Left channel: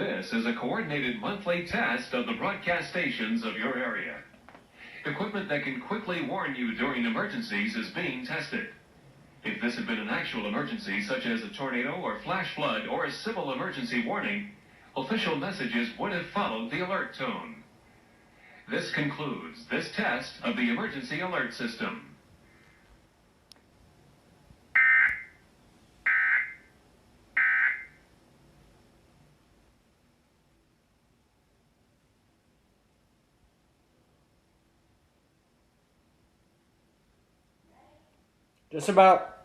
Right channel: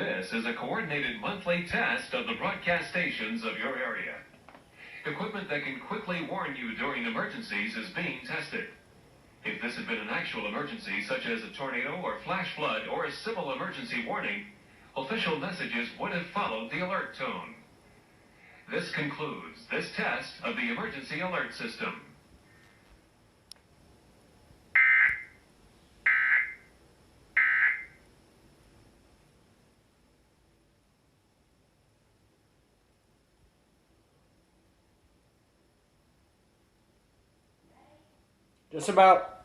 This is a coordinated monthly test of the broadcast stations of your area. Equipment that can quickly warn you during emergencies is being tested. If this had been an actual emergency, such as a tornado or flash flood or a civil emergency warning, official messages would have followed the alert tone. This concludes this test of the emergency alert system. Just about